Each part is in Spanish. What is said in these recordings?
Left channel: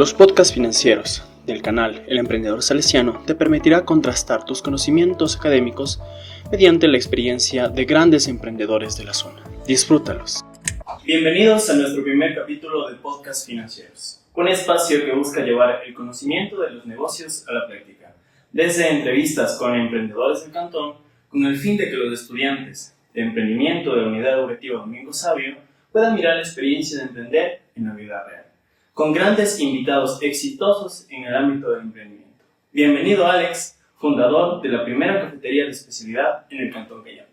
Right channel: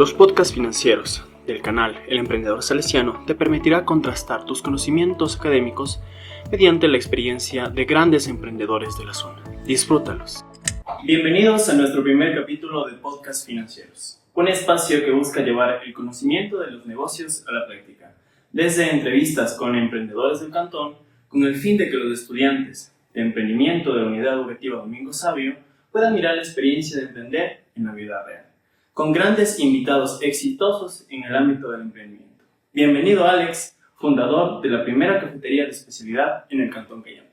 Los podcasts financieros del canal El Emprendedor Salesiano te permitirá contrastar tus conocimientos académicos mediante la experiencia de grandes emprendedores de la zona. Disfrútalos. Bienvenidos a nuestro primer capítulo de Podcast Financieros, un espacio que busca llevar el conocimiento de los negocios a la práctica, desde entrevistas con emprendedores del cantón, con el fin de que los estudiantes de emprendimiento de la Unidad Educativa Domingo Sabio puedan mirar la experiencia de emprender en la vida real, con grandes invitados exitosos en el ámbito del emprendimiento. Bienvenido Alex, fundador de la primera cafetería de especialidad en el Cantón Cayambe.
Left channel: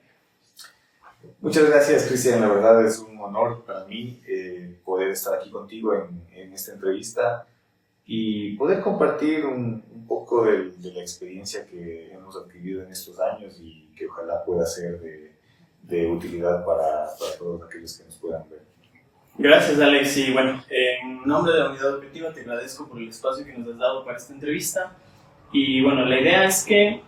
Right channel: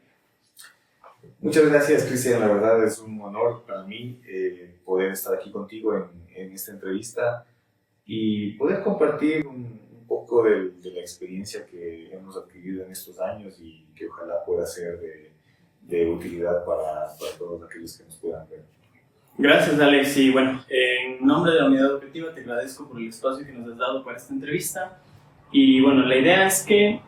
Muchas gracias, Cristian. La verdad es un honor para mí poder estar aquí contigo en esta entrevista y poder compartir un poco de la experiencia que hemos adquirido en estos años y que ojalá pueda ser de utilidad para todos aquellos que nos puedan ver. Gracias, Alex. Y bueno, en nombre de la Unidad Educativa te agradezco por el espacio que nos has dado para esta entrevista. Y bueno, la idea es que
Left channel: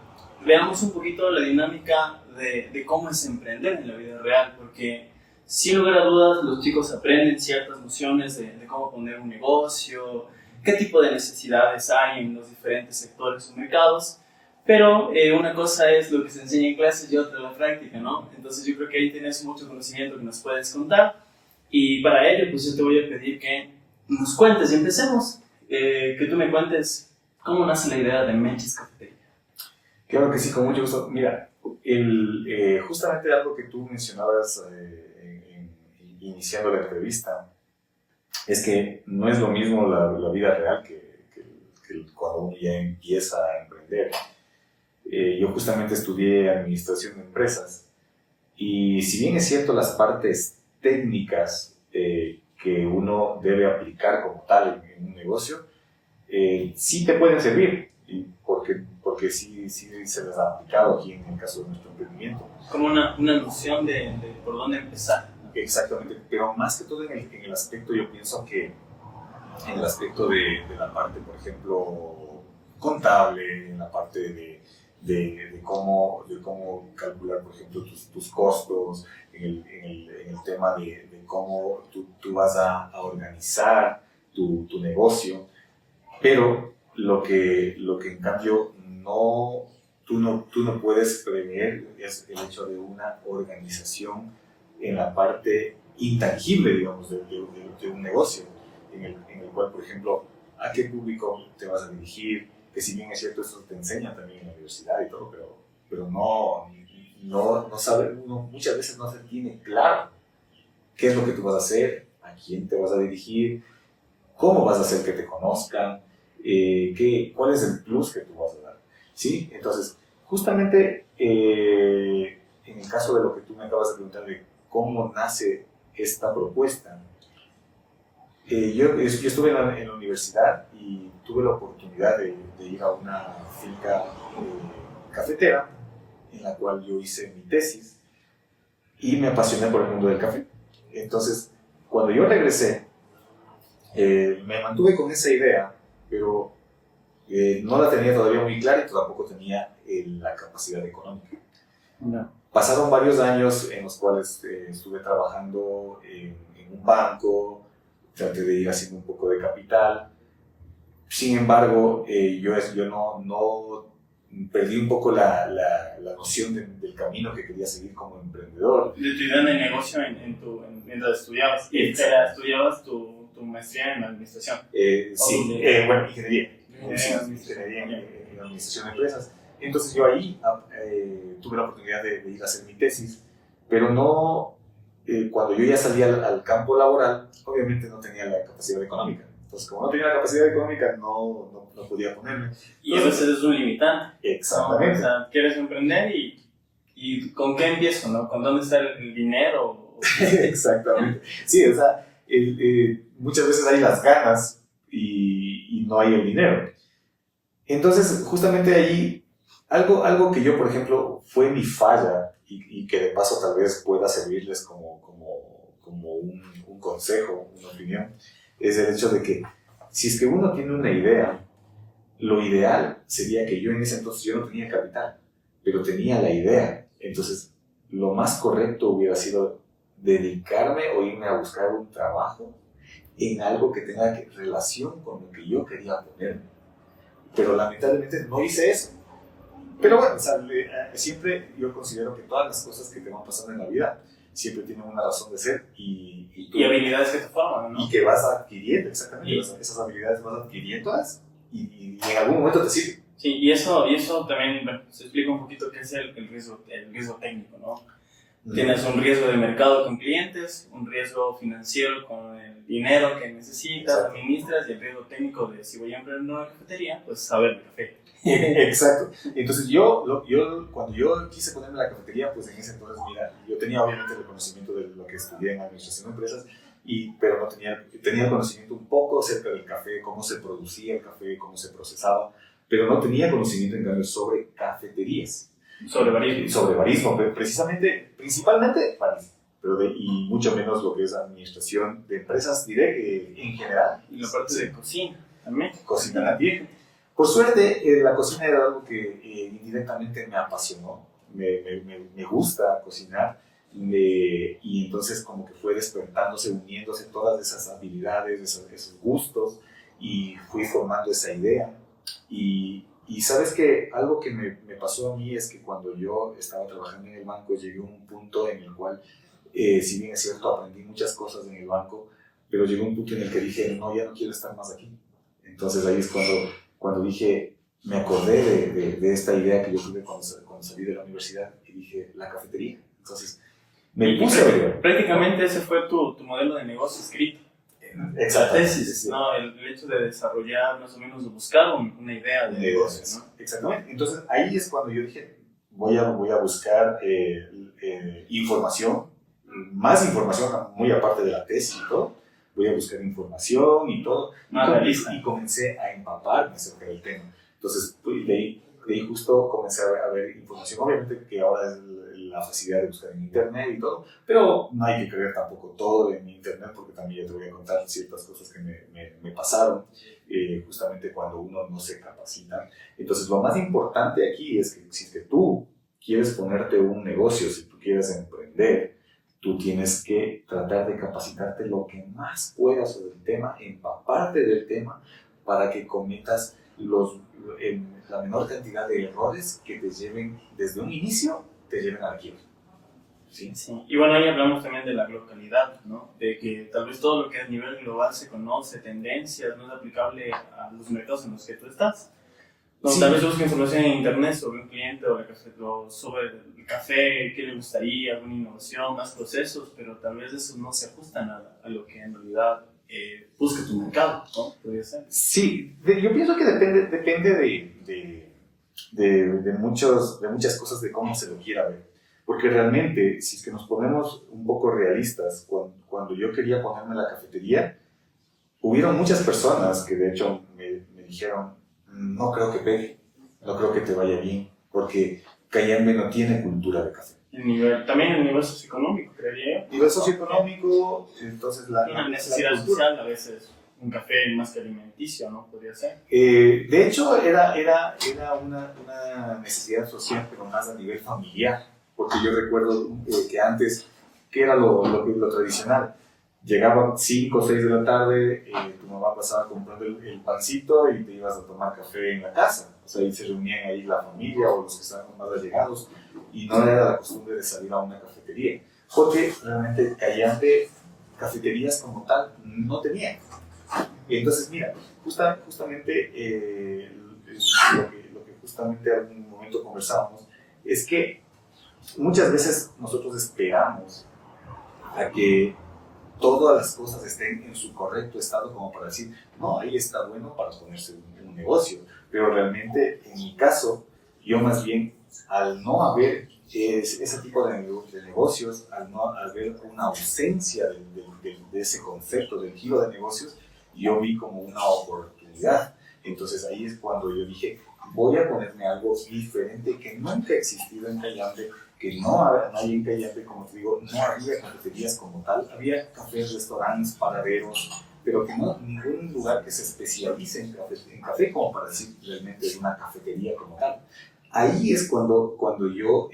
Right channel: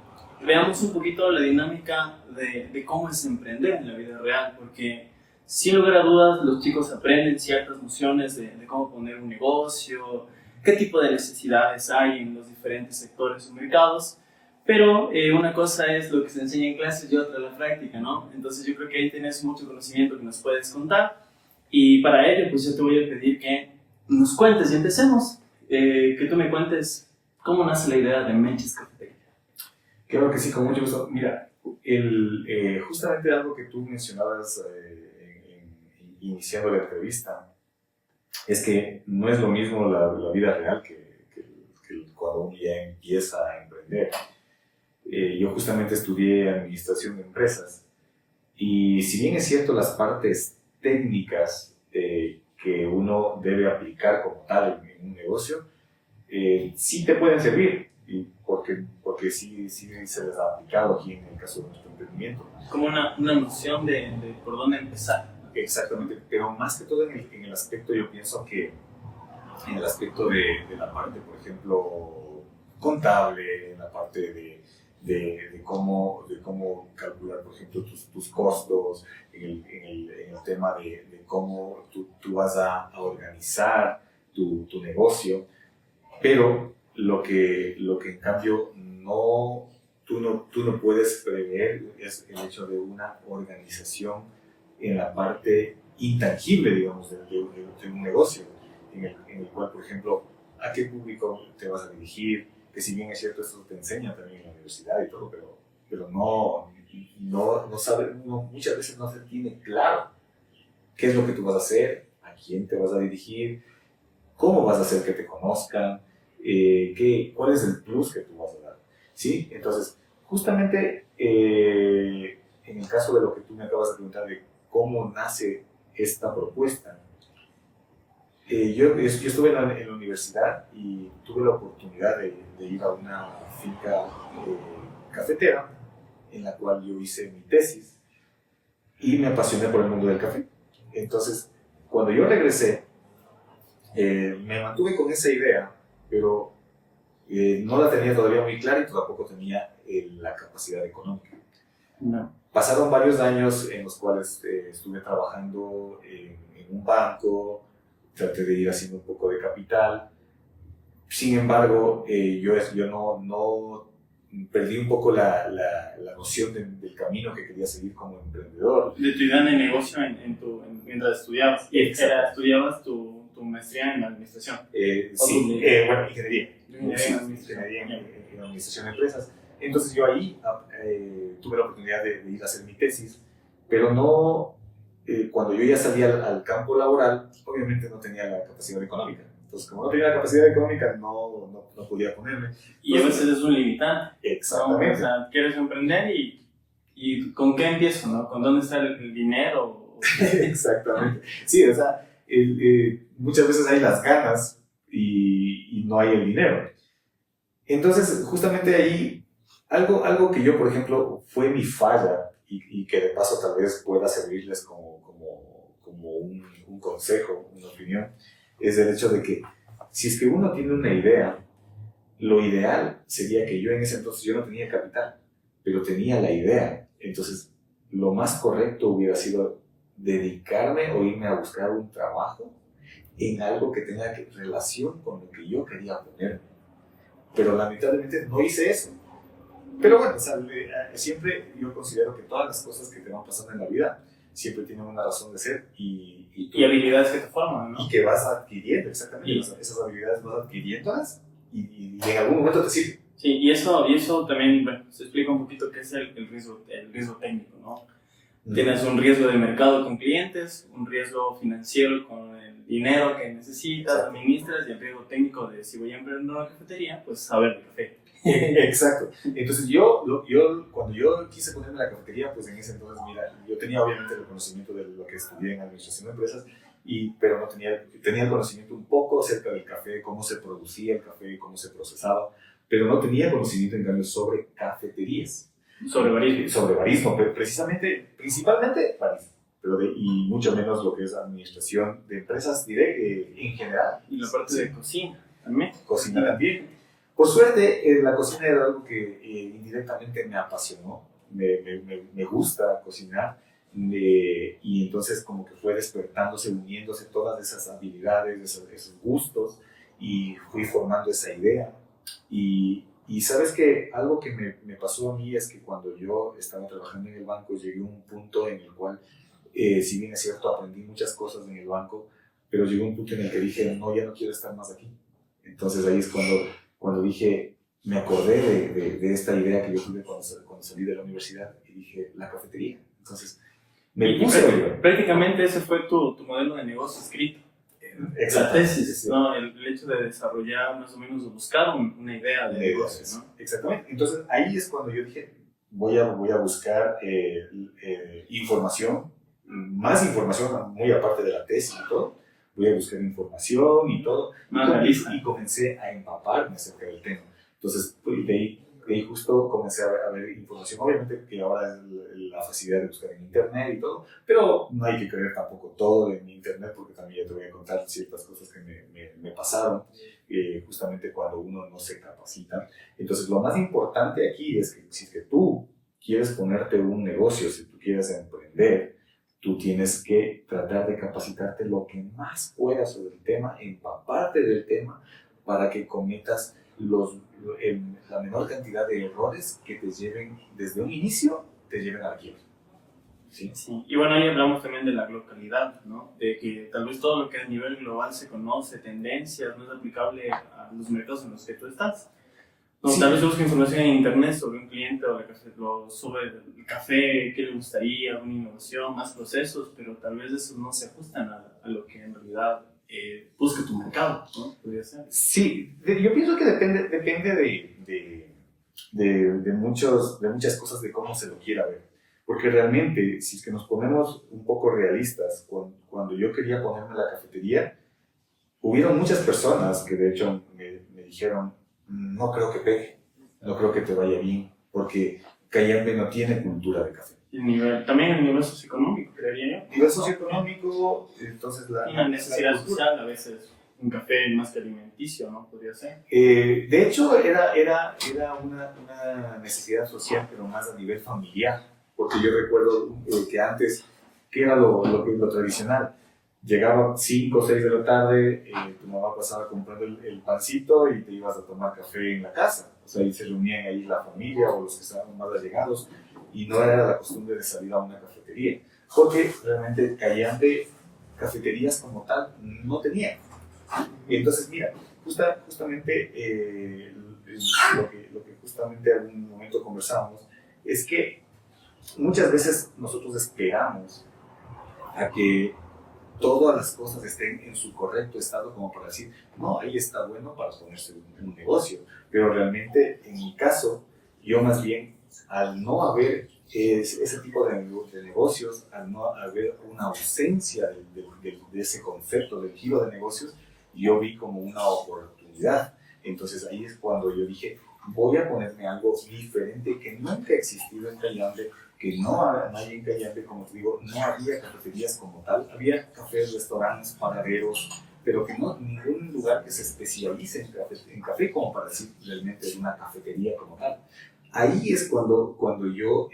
veamos un poquito la dinámica de cómo es emprender en la vida real, porque sin lugar a dudas los chicos aprenden ciertas nociones de cómo poner un negocio, qué tipo de necesidades hay en los diferentes sectores o mercados, pero una cosa es lo que se enseña en clases y otra la práctica, ¿no? Entonces yo creo que ahí tienes mucho conocimiento que nos puedes contar, y para ello pues yo te voy a pedir que nos cuentes y empecemos, que tú me cuentes cómo nace la idea de Menchis Cafetería. Claro que sí, con mucho gusto. Mira, justamente algo que tú mencionabas iniciando la entrevista es que no es lo mismo la vida real que cuando uno ya empieza a emprender. Yo justamente estudié administración de empresas y si bien es cierto las partes técnicas que uno debe aplicar como tal en un negocio, sí te pueden servir, y porque sí se les ha aplicado aquí en el caso de nuestro emprendimiento. Como una noción de por dónde empezar. Exactamente, pero más que todo en el aspecto, yo pienso que en el aspecto de la parte, por ejemplo, contable, en la parte de cómo calcular, por ejemplo, tus costos, en el tema de cómo tú vas a organizar tu negocio, pero lo que en cambio tú no puedes prever es el hecho de una organización en la parte intangible, digamos, de un negocio, en el cual, por ejemplo, a qué público te vas a dirigir, que si bien es cierto, eso te enseña también en la universidad y todo, pero no sabe, uno muchas veces no se tiene claro qué es lo que tú vas a hacer, a quién te vas a dirigir, cómo vas a hacer que te conozcan, cuál es el plus que tú vas a dar, ¿sí? Entonces, justamente en el caso de lo que tú me acabas de preguntar de cómo nace esta propuesta, yo estuve en la universidad y tuve la oportunidad de ir a una finca cafetera en la cual yo hice mi tesis y me apasioné por el mundo del café. Entonces, cuando yo regresé, me mantuve con esa idea, pero no la tenía todavía muy clara y tampoco tenía la capacidad económica. No. Pasaron varios años en los cuales estuve trabajando en un banco, traté de ir haciendo un poco de capital. Sin embargo, yo no perdí un poco la noción del camino que quería seguir como emprendedor. De tu idea de negocio mientras estudiabas. Y estudiabas tu maestría en administración. Sí, bueno, ingeniería. Ingeniería en administración de empresas. Entonces yo ahí tuve la oportunidad de ir a hacer mi tesis, pero no, cuando yo ya salí al campo laboral, obviamente no tenía la capacidad económica. Entonces, como no tenía la capacidad económica, no podía ponerme. Y a veces es un limitante. Exactamente. ¿No? O sea, quieres emprender y ¿con qué empiezo? ¿No? ¿Con dónde está el dinero? Exactamente. Sí, o sea, muchas veces hay las ganas y no hay el dinero. Entonces, justamente ahí, algo que yo, por ejemplo, fue mi falla y que de paso tal vez pueda servirles como un consejo, una opinión, es el hecho de que si es que uno tiene una idea, lo ideal sería que yo en ese entonces yo no tenía capital, pero tenía la idea. Entonces, lo más correcto hubiera sido dedicarme o irme a buscar un trabajo en algo que tenga relación con lo que yo quería ponerme. Pero lamentablemente no hice eso. Pero bueno, o sea, siempre yo considero que todas las cosas que te van pasando en la vida siempre tienen una razón de ser y habilidades que te forman, ¿no? Y que vas adquiriendo, exactamente. Esas habilidades vas adquiriéndolas y en algún momento te sirven. Sí, y eso también, bueno, se explica un poquito qué es el riesgo técnico, ¿no? Tienes un riesgo de mercado con clientes, un riesgo financiero con el dinero que necesitas, administras, y el riesgo técnico de si voy a emprender una cafetería, pues saber el café. Exacto. Entonces cuando yo quise ponerme la cafetería, pues en ese entonces, mira, yo tenía obviamente el conocimiento de lo que estudié en administración de empresas, pero no tenía el conocimiento un poco acerca del café, cómo se producía el café, cómo se procesaba, pero no tenía conocimiento en cambio sobre cafeterías. Sobre barismo. Sobre barismo, principalmente barismo, y mucho menos lo que es administración de empresas en general. Y la parte de cocina también. Cocina también. Por suerte, la cocina era algo que indirectamente me apasionó, me gusta cocinar, y entonces como que fue despertándose, uniéndose todas esas habilidades, esos gustos, y fui formando esa idea. Y sabes que algo que me pasó a mí es que cuando yo estaba trabajando en el banco llegué a un punto en el cual, si bien es cierto, aprendí muchas cosas en el banco, pero llegó un punto en el que dije, no, ya no quiero estar más aquí. Entonces ahí es cuando dije, me acordé de esta idea que yo tuve cuando salí de la universidad y dije, la cafetería. Entonces me puse a ver. Prácticamente ese fue tu modelo de negocio escrito. Exacto. La tesis, sí. ¿No? El hecho de desarrollar, más o menos, de buscar una idea de negocio, ¿no? Exactamente. Entonces ahí es cuando yo dije, voy a buscar información, más información, muy aparte de la tesis y todo. Voy a buscar información y todo. Y comencé a empaparme acerca del tema. Entonces, de ahí justo comencé a ver información. Obviamente que ahora es la facilidad de buscar en internet y todo, pero no hay que creer tampoco todo en internet, porque también ya te voy a contar ciertas cosas que me pasaron justamente cuando uno no se capacita. Entonces, lo más importante aquí es que si tú quieres ponerte un negocio, si tú quieres emprender, tú tienes que tratar de capacitarte lo que más puedas sobre el tema, empaparte del tema, para que cometas la menor cantidad de errores que te lleven, desde un inicio, te lleven a la quiebra. ¿Sí? Sí. Y bueno, ahí hablamos también de la localidad, ¿no? De que tal vez todo lo que a nivel global se conoce, tendencias, no es aplicable a los mercados en los que tú estás. No, sí. Tal vez busque información en internet sobre un cliente o sobre el café, qué le gustaría, alguna innovación, más procesos, pero tal vez esos no se ajustan a lo que en realidad busca tu mercado, ¿no? Podría ser. Sí, yo pienso que depende de muchas cosas de cómo se lo quiera ver. Porque realmente, si es que nos ponemos un poco realistas, cuando yo quería ponerme la cafetería, hubieron muchas personas que de hecho me dijeron, no creo que pegue, no creo que te vaya bien, porque Cayambe no tiene cultura de café. También el nivel socioeconómico, creería yo. Nivel socioeconómico, entonces una necesidad social a veces, un café más que alimenticio, ¿no? Podría ser. De hecho, era una necesidad social, pero más a nivel familiar, porque yo recuerdo que antes, ¿qué era lo tradicional? Llegaba 5 o 6 de la tarde, tu mamá pasaba comprando el pancito y te ibas a tomar café en la casa. O sea, ahí se reunían ahí la familia o los que estaban más allegados, y no era la costumbre de salir a una cafetería, porque realmente Cayambe cafeterías como tal no tenía. Entonces, mira, justamente lo que justamente en algún momento conversábamos es que muchas veces nosotros esperamos a que todas las cosas estén en su correcto estado como para decir, no, ahí está bueno para ponerse un negocio. Pero realmente, en mi caso, yo más bien, al no haber ese tipo de negocios, al no haber una ausencia de ese concepto del giro de negocios, yo vi como una oportunidad. Entonces ahí es cuando yo dije, voy a ponerme algo diferente que nunca ha existido en Cayambe, que no hay en Cayambe, como te digo, no había cafeterías como tal, había cafés, restaurantes, panaderos, pero que no ningún lugar que se especialice en café como para decir realmente una cafetería como tal. ahí es cuando yo,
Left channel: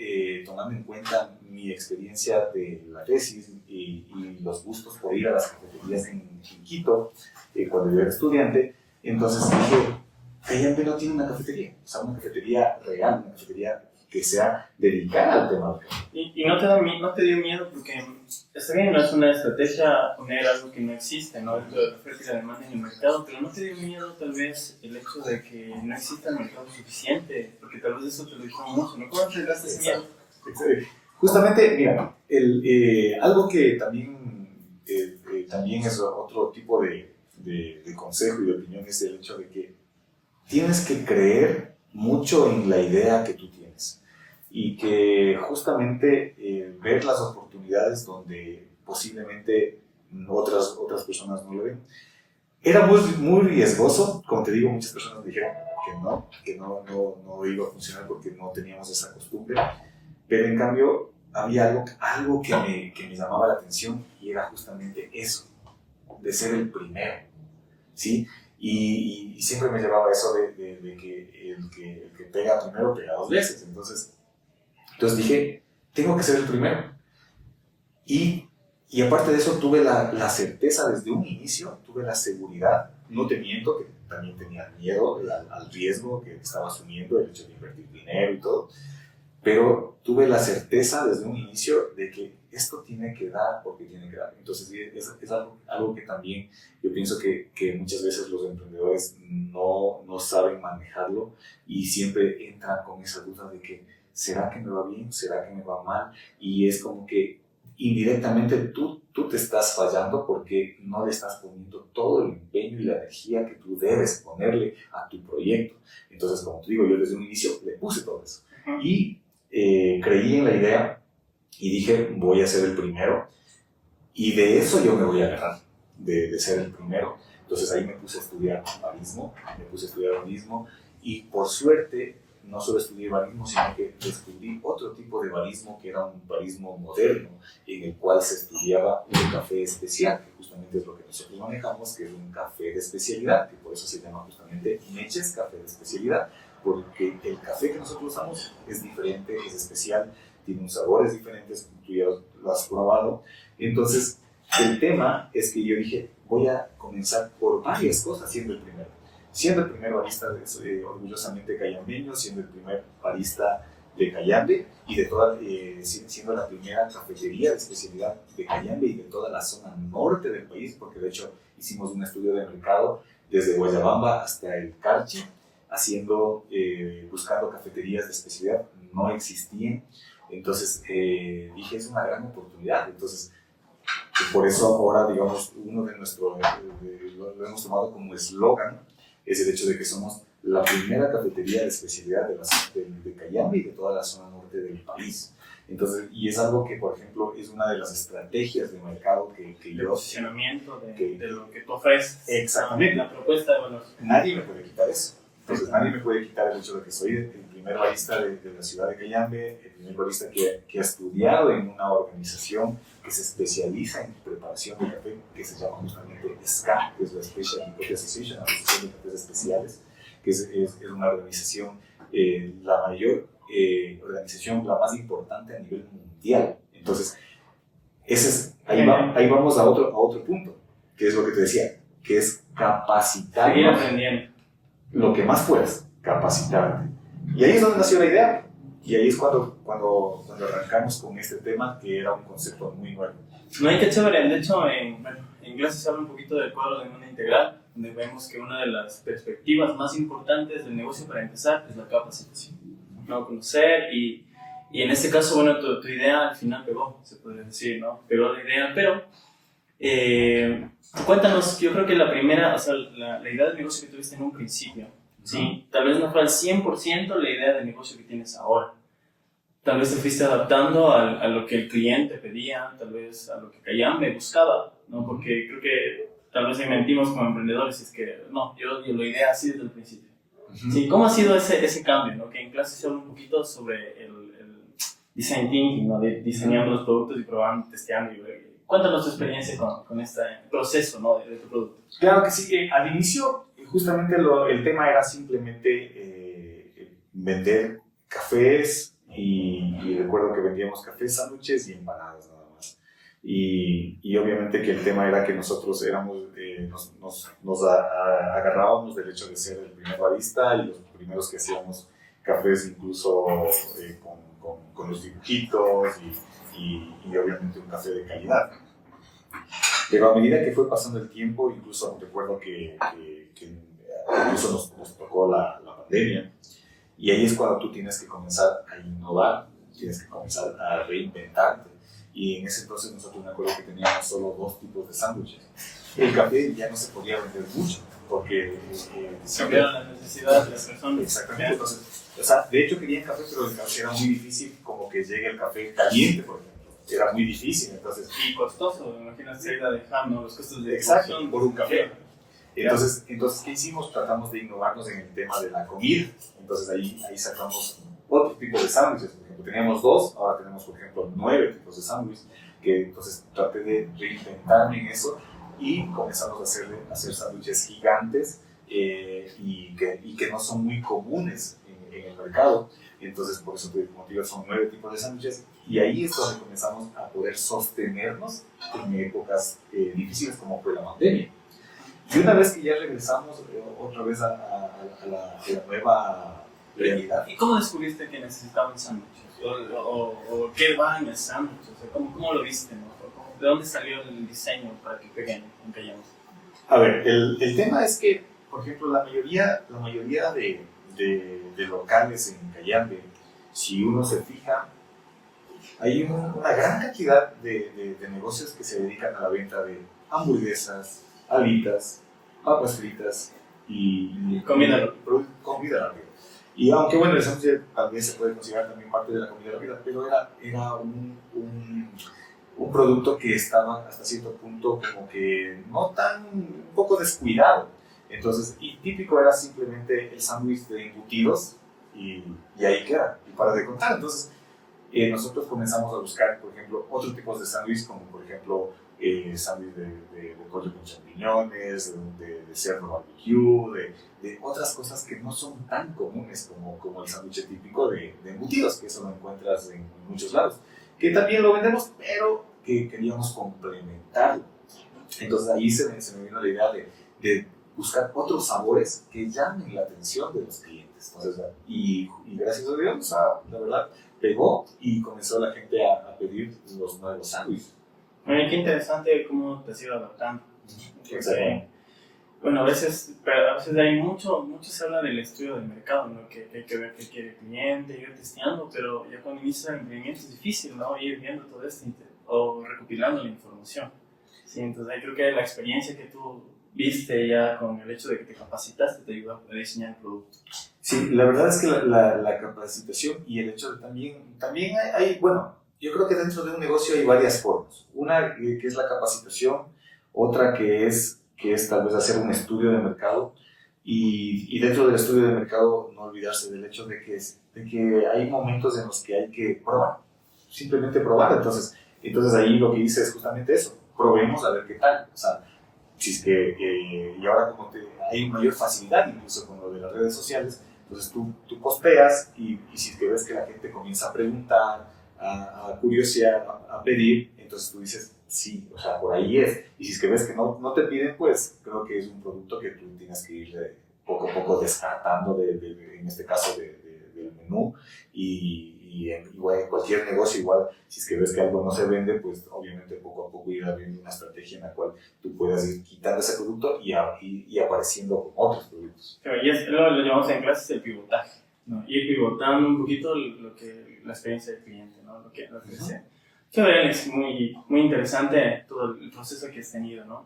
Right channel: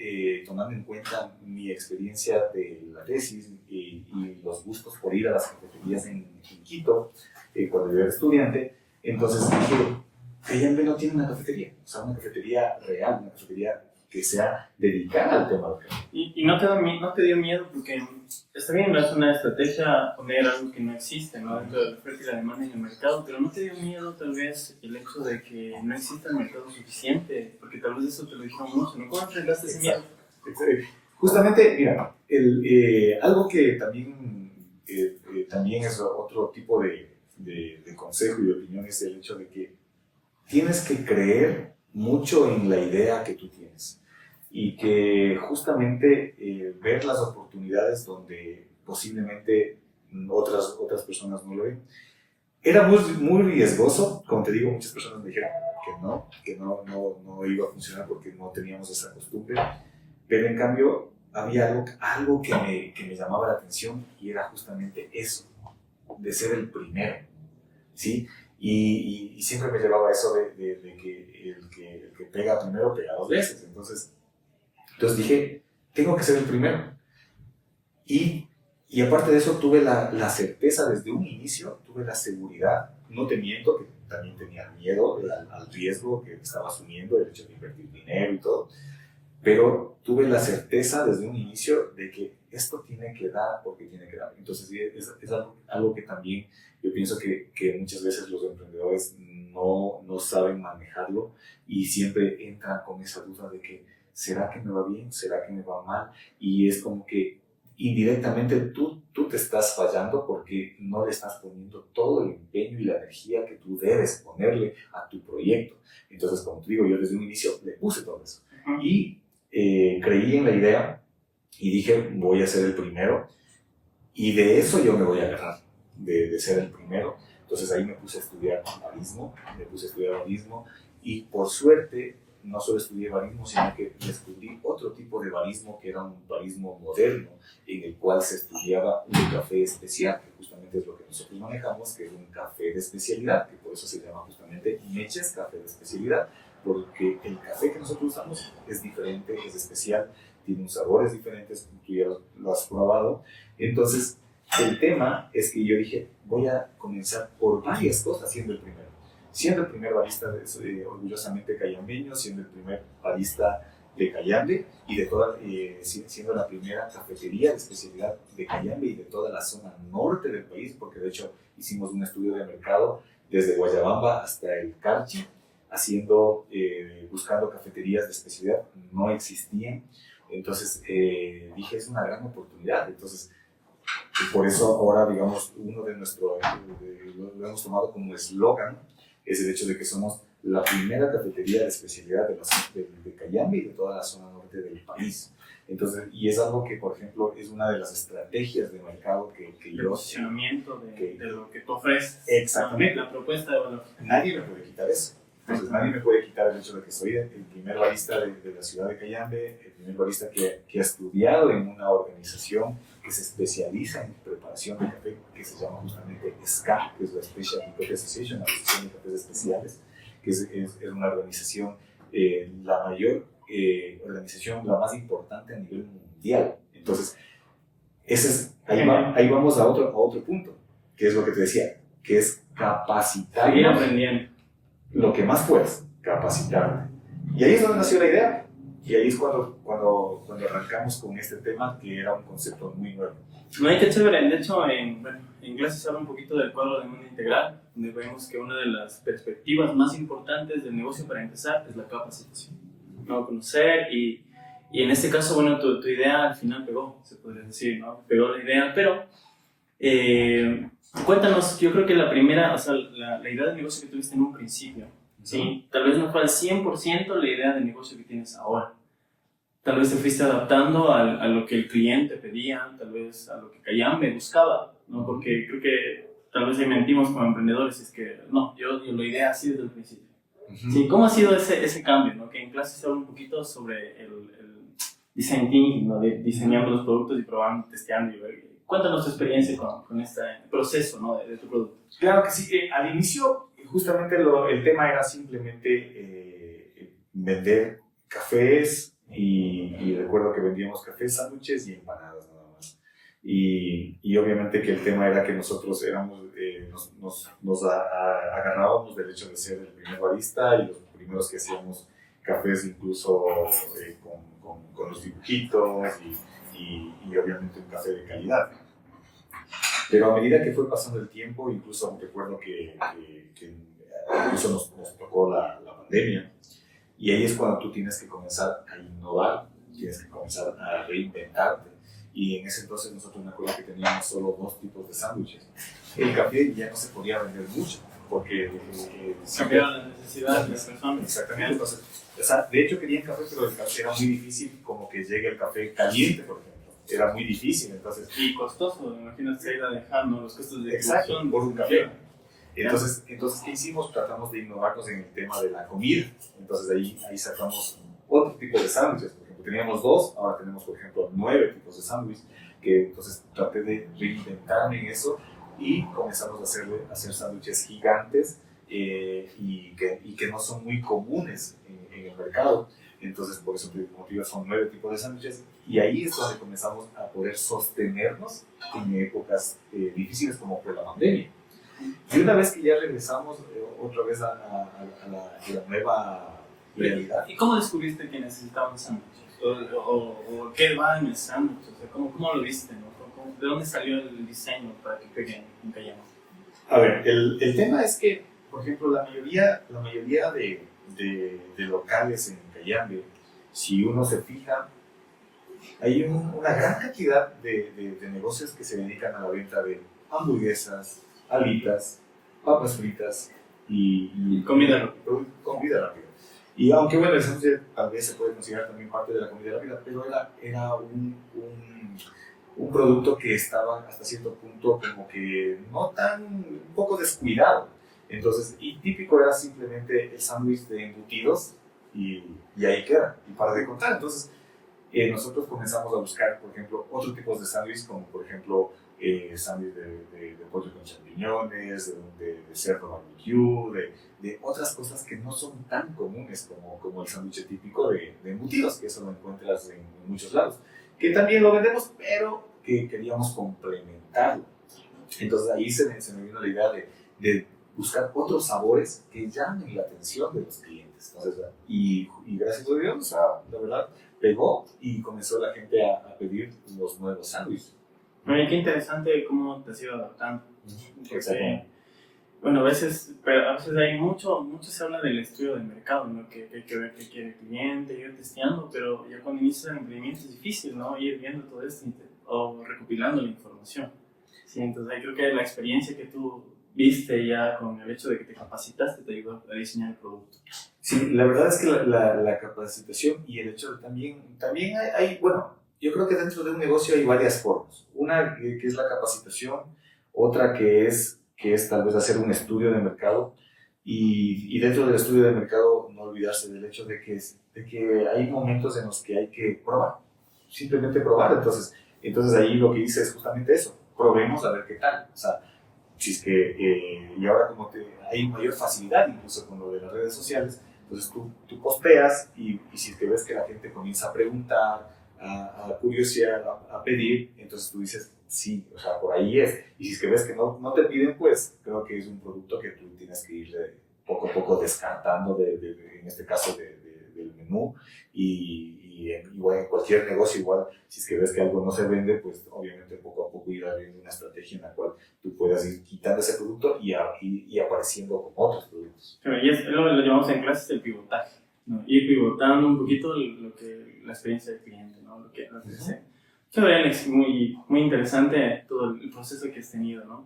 tomando en cuenta mi experiencia de la tesis y los gustos por ir a las cafeterías en Quito, cuando yo era estudiante, entonces dije, Cayambe no tiene una cafetería, o sea, una cafetería real, una cafetería que sea dedicada al tema del café. ¿Y no te dio miedo? Porque está bien, no es una estrategia poner algo que no existe, ¿no? Dentro de la oferta y la demanda en el mercado, pero ¿no te dio miedo tal vez el hecho de que no exista el mercado suficiente? Porque tal vez eso te lo dijeron mucho, ¿no? ¿Cómo enfrentaste ese miedo? Justamente, mira, algo que también es otro tipo de consejo y de opinión es el hecho de que tienes que creer mucho en la idea que tú tienes y que justamente ver las oportunidades donde posiblemente otras personas no lo ven. Era muy riesgoso, como te digo, muchas personas me dijeron que no iba a funcionar porque no teníamos esa costumbre, pero en cambio había algo que me llamaba la atención y era justamente eso, de ser el primero, ¿sí? Y siempre me llevaba eso de que el que pega primero pega dos veces. Entonces dije, tengo que ser el primero. Y aparte de eso, tuve la certeza desde un inicio, tuve la seguridad, no te miento, que también tenía miedo al riesgo que estaba asumiendo, el hecho de invertir dinero y todo, pero tuve la certeza desde un inicio de que esto tiene que dar porque tiene que dar. Entonces es algo que también yo pienso que muchas veces los emprendedores no saben manejarlo y siempre entran con esa duda de que ¿será que me va bien? ¿Será que me va mal? Y es como que indirectamente tú te estás fallando porque no le estás poniendo todo el empeño y la energía que tú debes ponerle a tu proyecto. Entonces, como te digo, yo desde un inicio le puse todo eso. Y creí en la idea y dije, voy a ser el primero y de eso yo me voy a agarrar, de ser el primero. Entonces ahí me puse a estudiar barismo y por suerte no solo estudié barismo, sino que descubrí otro tipo de barismo que era un barismo moderno en el cual se estudiaba un café especial, que justamente es lo que nosotros manejamos, que es un café de especialidad, que por eso se llama justamente Meches Café de Especialidad, porque el café que nosotros usamos es diferente, es especial, tiene unos sabores diferentes, tú ya lo has probado. Entonces, el tema es que yo dije, voy a comenzar por varias cosas siendo el primero. Siendo el primer barista orgullosamente cayambeño, siendo el primer barista de Cayambe y siendo la primera cafetería de especialidad de Cayambe y de toda la zona norte del país, porque de hecho hicimos un estudio de mercado desde Guayabamba hasta el Carchi, buscando cafeterías de especialidad, no existían. Entonces dije, es una gran oportunidad. Entonces, por eso ahora, digamos, lo hemos tomado como eslogan, es el hecho de que somos la primera cafetería de especialidad de Cayambe y de toda la zona norte del país. Entonces, y es algo que, por ejemplo, es una de las estrategias de mercado que yo... Posicionamiento de lo que tú ofreces. Exactamente. La propuesta de valor. Nadie me puede quitar eso. Entonces nadie me puede quitar el hecho de que soy el primer barista de la ciudad de Cayambe, el primer barista que ha estudiado en una organización que se especializa en preparación de café, que se llama justamente SCA, que es la Specialty Coffee Association, la Asociación de Cafés Especiales, que es una organización, la mayor organización, la más importante a nivel mundial. Entonces, ahí vamos a otro punto, que es lo que te decía, que es capacitar. Seguir aprendiendo. Lo que más puedas, capacitarte. Y ahí es donde nació la idea. Y ahí es cuando arrancamos con este tema, que era un concepto muy nuevo. No hay que chévere. De hecho, en inglés se habla un poquito del cuadro de demanda integral, donde vemos que una de las perspectivas más importantes del negocio para empezar es la capacitación. ¿No? Conocer y en este caso, bueno, tu idea al final pegó, se podría decir, ¿no? Pegó la idea, pero... cuéntanos, yo creo que la primera, o sea, la idea de negocio que tuviste en un principio, ¿sí? Tal vez no fue al 100% la idea de negocio que tienes ahora. Tal vez te fuiste adaptando a lo que el cliente pedía, tal vez a lo que Cayambe buscaba, ¿no? Porque creo que tal vez ahí mentimos como emprendedores, es que no, yo lo idea así desde el principio. ¿Sí? ¿Cómo ha sido ese cambio, ¿no? Que en clase se habla un poquito sobre el design thinking, ¿no? De diseñando los productos y probando, testeando y ver. Cuéntanos tu experiencia con este proceso, ¿no? de tu producto. Claro que sí. Al inicio, justamente el tema era simplemente vender cafés y recuerdo que vendíamos cafés, sándwiches y empanadas nada más. Y obviamente que el tema era que nosotros éramos, agarrábamos del hecho de ser el primer barista y los primeros que hacíamos cafés incluso con los dibujitos y obviamente un café de calidad. Pero a medida que fue pasando el tiempo, incluso recuerdo que incluso nos tocó la pandemia, y ahí es cuando tú tienes que comenzar a innovar, tienes que comenzar a reinventarte. Y en ese entonces nosotros me acuerdo que teníamos solo 2 tipos de sándwiches. El café ya no se podía vender mucho, porque cambiaron las necesidades de las personas. Exactamente. Entonces, o sea, de hecho querían café, pero el café era muy difícil, como que llegue el café caliente, por ejemplo. Era muy difícil, entonces. Y costoso, imagínate ir a dejar, ¿no? Los costos de exacto, producción por un café. Entonces, ¿qué hicimos? Tratamos de innovarnos en el tema de la comida. Entonces, ahí sacamos otro tipo de sándwiches. Por ejemplo, teníamos 2, ahora tenemos, por ejemplo, 9 tipos de sándwiches. Entonces, traté de reinventarme en eso y comenzamos a hacer sándwiches gigantes y que no son muy comunes en el mercado. Entonces, por eso, como te digo, son 9 tipos de sándwiches. Y ahí es donde comenzamos a poder sostenernos en épocas difíciles como fue la pandemia. Y una vez que ya regresamos otra vez a la nueva realidad. ¿Y cómo descubriste que necesitaban sándwiches? ¿O qué va en el sándwich? O sea, ¿cómo lo viste? ¿No? ¿De dónde salió el diseño para que peguen en Cayambe? A ver, el tema es que, por ejemplo, la mayoría de locales en Cayambe, si uno se fija, hay una gran cantidad de negocios que se dedican a la venta de hamburguesas, alitas, papas fritas y comida rápida. Y aunque bueno, el sándwich tal vez se puede considerar también parte de la comida rápida, pero era un producto que estaba hasta cierto punto como que un poco descuidado. Entonces, y típico era simplemente el sándwich de embutidos y ahí queda, y para de contar. Entonces, nosotros comenzamos a buscar, por ejemplo, otros tipos de sándwich, como por ejemplo, sándwich de pollo con champiñones, de cerdo barbecue, de otras cosas que no son tan comunes como el sándwich típico de embutidos, que eso lo encuentras en muchos lados, que también lo vendemos, pero que queríamos complementarlo. Entonces ahí se me vino la idea de buscar otros sabores que llamen la atención de los clientes. Entonces, y gracias a Dios, o sea, la verdad, pegó y comenzó la gente a pedir los nuevos sándwiches. Bueno, qué interesante cómo te has ido adaptando. Porque, bueno, a veces hay mucho se habla del estudio de mercado, ¿no? Que hay que ver qué quiere el cliente, ir testeando, pero ya cuando inicias el emprendimiento es difícil, ¿no? Ir viendo todo esto o recopilando la información. Sí, entonces ahí creo que la experiencia que tú viste ya con el hecho de que te capacitaste te ayudó a diseñar el producto. Sí, la verdad es que la capacitación y el hecho de también hay, bueno, yo creo que dentro de un negocio hay varias formas. Una que es la capacitación, otra que es tal vez hacer un estudio de mercado y dentro del estudio de mercado no olvidarse del hecho de que hay momentos en los que hay que probar, simplemente probar. Entonces ahí lo que hice es justamente eso, probemos a ver qué tal. O sea, si es que, y ahora como hay mayor facilidad incluso con lo de las redes sociales, entonces tú posteas y si es que ves que la gente comienza a preguntar, a curiosear, a pedir, entonces tú dices, sí, o sea, por ahí es. Y si es que ves que no te piden, pues creo que es un producto que tú tienes que ir poco a poco descartando, en este caso, del menú. Igual en cualquier negocio, igual, si es que ves que algo no se vende, pues obviamente poco a poco ir abriendo una estrategia en la cual tú puedas ir quitando ese producto y apareciendo con otros productos. Pero y lo llamamos en clases el pivotaje, ¿no? Ir pivotando un poquito la experiencia del cliente, ¿no? Lo que sea. Es muy, muy interesante todo el proceso que has tenido, ¿no?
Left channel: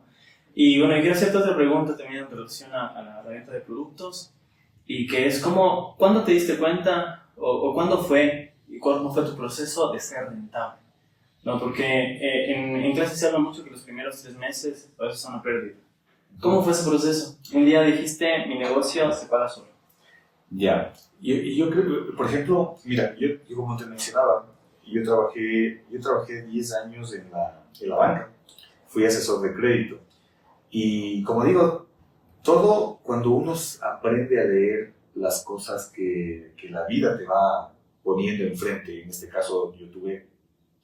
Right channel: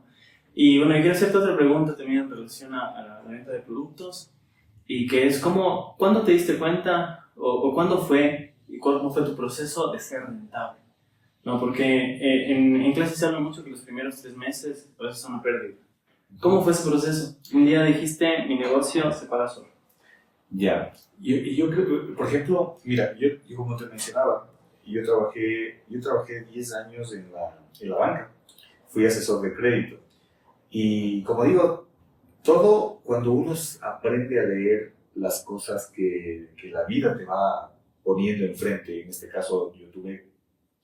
Y bueno, quiero hacerte otra pregunta también en relación a la venta de productos, y que es ¿cuándo te diste cuenta o cuándo fue y cómo fue tu proceso de ser rentable? ¿No? Porque en clase se habla mucho que los primeros 3 meses a veces son una pérdida. ¿Cómo fue ese proceso? Un día dijiste, mi negocio se paga solo. Ya, yo creo, por ejemplo, mira, yo como te mencionaba, yo trabajé 10 años en la banca, fui asesor de crédito y como digo, todo cuando uno aprende a leer las cosas que la vida te va poniendo enfrente. En este caso,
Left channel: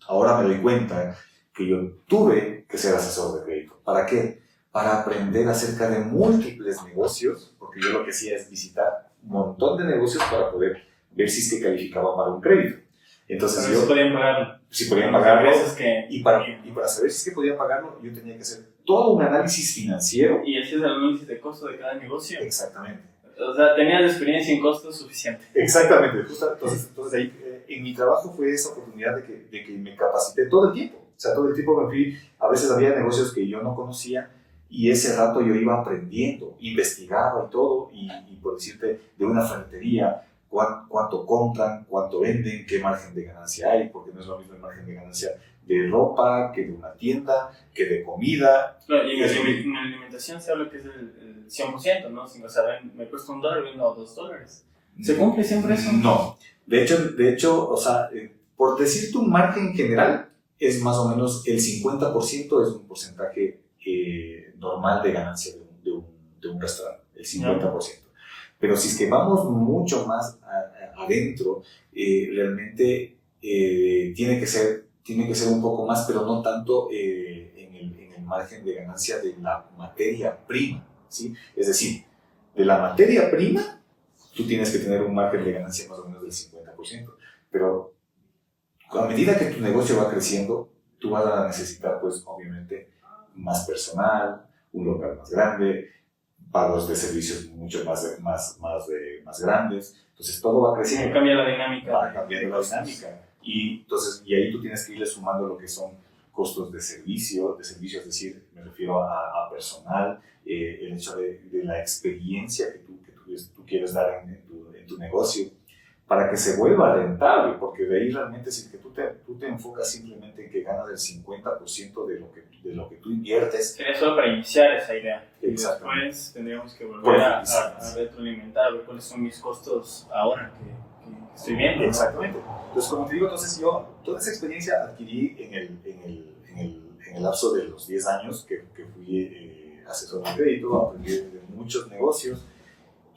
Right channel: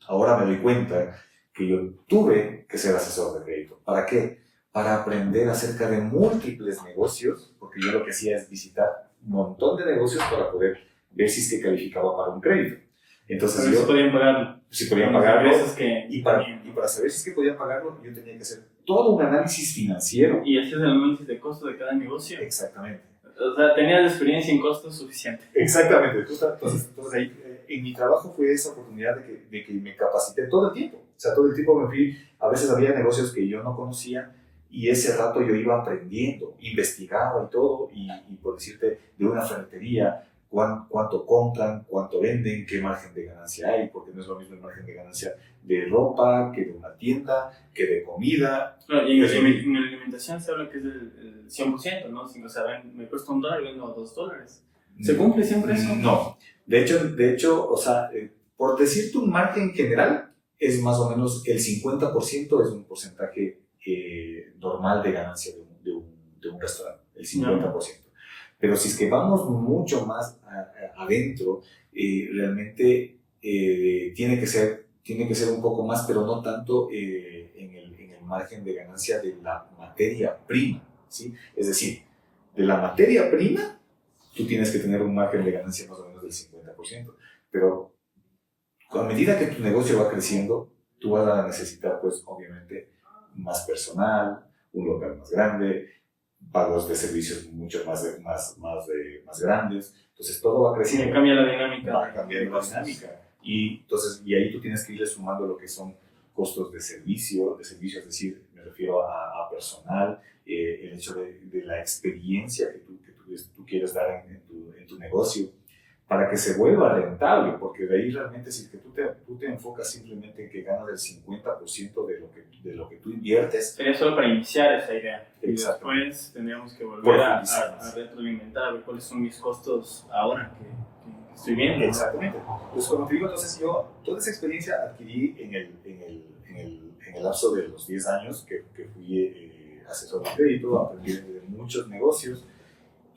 ahora me doy cuenta que yo tuve que ser asesor de crédito. ¿Para qué? Para aprender acerca de múltiples negocios, porque yo lo que hacía es visitar un montón de negocios para poder ver si es que calificaba para un crédito. Entonces pero yo... podían pagarlo. Si podían pagarlo, Que... y para saber si es que podían pagarlo, yo tenía que hacer todo un análisis financiero. Y hacer el análisis de costo de cada negocio. Exactamente. O sea, tenías la experiencia en costos suficiente. Exactamente. Entonces ahí, en mi trabajo fue esa oportunidad de que me capacité todo el tiempo. O sea, todo el tiempo me fui, a veces había negocios que yo no conocía y ese rato yo iba aprendiendo, investigaba y todo, y por decirte, de una ferretería, cuánto compran, cuánto venden, qué margen de ganancia hay, porque no es lo mismo el margen de ganancia de ropa que de una tienda, que de comida. Claro, y en la alimentación se habla que es el 100%, ¿no? O sea, me cuesta $1, vendo $2. ¿Se cumple siempre eso? No. De hecho, o sea, por decirte un margen general, es más o menos el 50% es un porcentaje normal de ganancia de un restaurante, el 50%. Pero si es que vamos mucho más adentro, realmente tiene que ser un poco más, pero no tanto en el margen de ganancia de la materia prima, ¿sí? Es decir, de la materia prima, tú tienes que tener un margen de ganancia más o menos del 50%, pero a medida que tu negocio va creciendo, tú vas a necesitar, pues, obviamente, más personal, un local más grande, pagos de servicios mucho más grandes. Entonces todo va creciendo. Cambia la dinámica. Va cambiando la dinámica. Y ahí tú tienes que irle sumando lo que son costos de servicio, es decir, me refiero a personal, el hecho de la experiencia que tú quieres dar en tu negocio, para que se vuelva rentable, porque de ahí realmente si que tú te enfocas simplemente en que ganas el 50% de lo que tú inviertes. Sería solo para iniciar esa idea. Y después tendríamos que volver a retroalimentar, a ver cuáles son mis costos ahora que estoy viendo. Exactamente. Entonces, como te digo, yo toda esa experiencia adquirí en el lapso de los 10 años que fui asesor de crédito, aprendí de muchos negocios.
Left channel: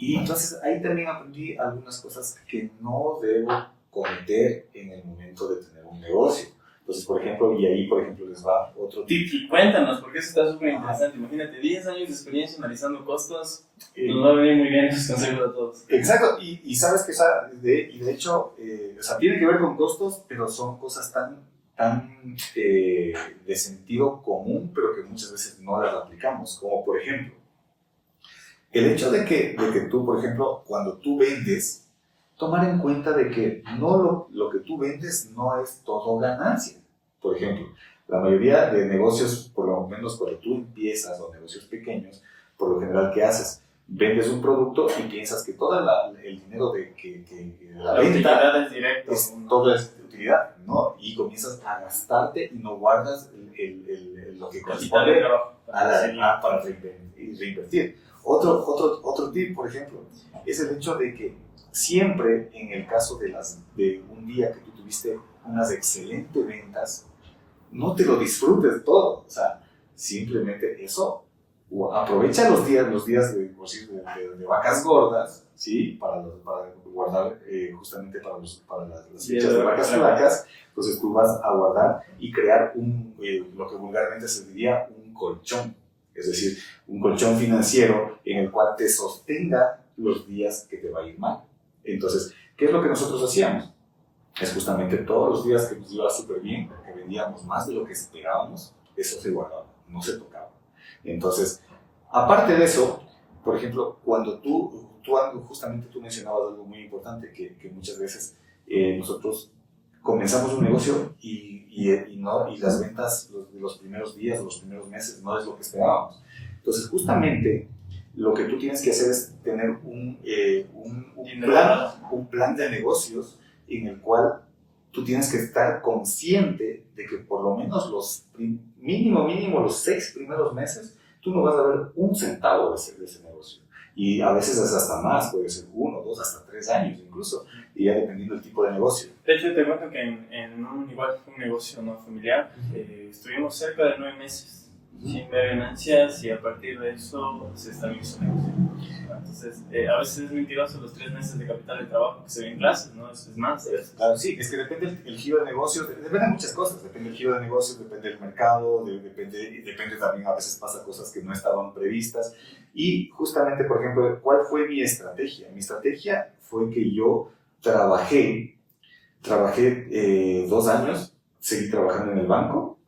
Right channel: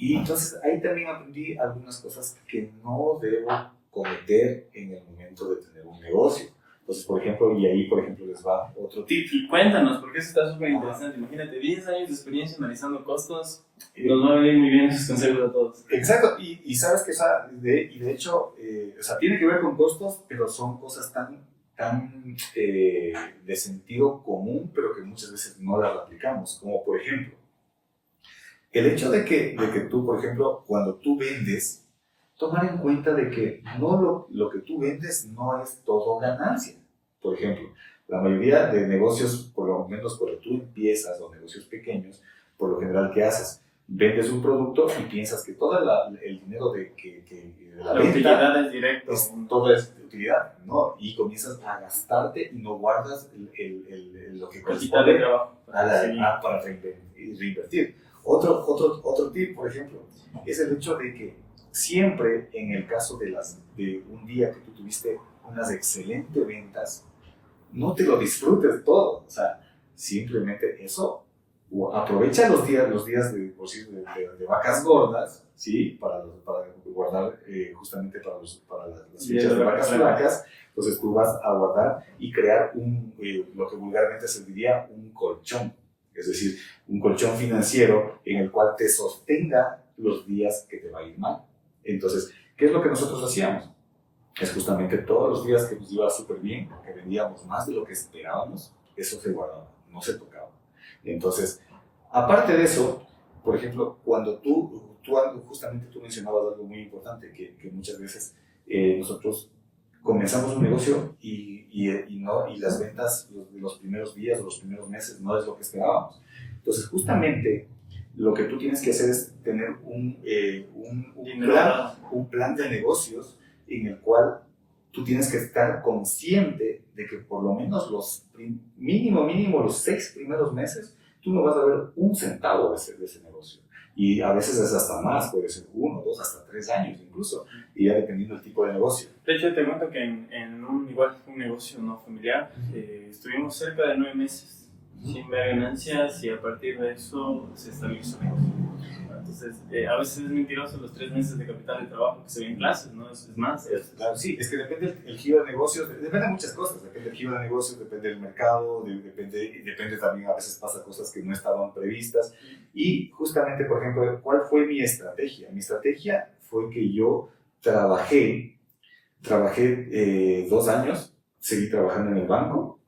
Y entonces ahí también aprendí algunas cosas que no debo cometer en el momento de tener un negocio. Entonces, por ejemplo, les va otro tip. Y cuéntanos, porque eso está súper interesante. Imagínate, 10 años de experiencia analizando costos, nos va a venir muy bien esos consejos a todos. Exacto, y sabes que de hecho, tiene que ver con costos, pero son cosas tan de sentido común, pero que muchas veces no las aplicamos, como por ejemplo, el hecho de que tú, por ejemplo, cuando tú vendes, tomar en cuenta de que no lo que tú vendes no es todo ganancia. Por ejemplo, la mayoría de negocios, por lo menos cuando tú empiezas, o negocios pequeños, por lo general, ¿qué haces? Vendes un producto y piensas que todo el dinero de la venta utilidad es directo. Todo es utilidad, ¿no? Y comienzas a gastarte y no guardas lo que corresponde para reinvertir. Otro tip, por ejemplo, es el hecho de que siempre en el caso de un día que tú tuviste unas excelentes ventas, no te lo disfrutes todo, o sea, simplemente eso, aprovecha los días de vacas gordas, ¿sí? Para guardar justamente para las fechas de vacas flacas. Entonces tú vas a guardar y crear lo que vulgarmente se diría un colchón. Es decir, un colchón financiero en el cual te sostenga los días que te va a ir mal. Entonces, ¿qué es lo que nosotros hacíamos? Es justamente todos los días que nos iba súper bien, que vendíamos más de lo que esperábamos, eso se guardaba, no se tocaba. Entonces, aparte de eso, por ejemplo, cuando justamente tú mencionabas algo muy importante, que muchas veces nosotros comenzamos un negocio y las ventas de los primeros días o los primeros meses no es lo que esperábamos. Entonces, justamente, lo que tú tienes que hacer es tener un plan de negocios en el cual tú tienes que estar consciente de que por lo menos mínimo los 6 primeros meses, tú no vas a ver un centavo de ese negocio. Y a veces es hasta más, puede ser 1, 2, hasta 3 años incluso, y ya dependiendo del tipo de negocio. De hecho, te cuento que en un negocio no familiar, estuvimos cerca de 9 meses sin ver ganancias, y a partir de eso se estabiliza el negocio. Entonces, a veces es mentiroso los 3 meses de capital de trabajo que se ven en clases, ¿no? Es más. Claro, sí, es que depende el giro de negocios, depende de muchas cosas, depende del giro de negocios, depende del mercado, depende también, a veces pasa cosas que no estaban previstas. Y justamente, por ejemplo, ¿cuál fue mi estrategia? Mi estrategia fue que yo trabajé 2 años, seguí trabajando en el banco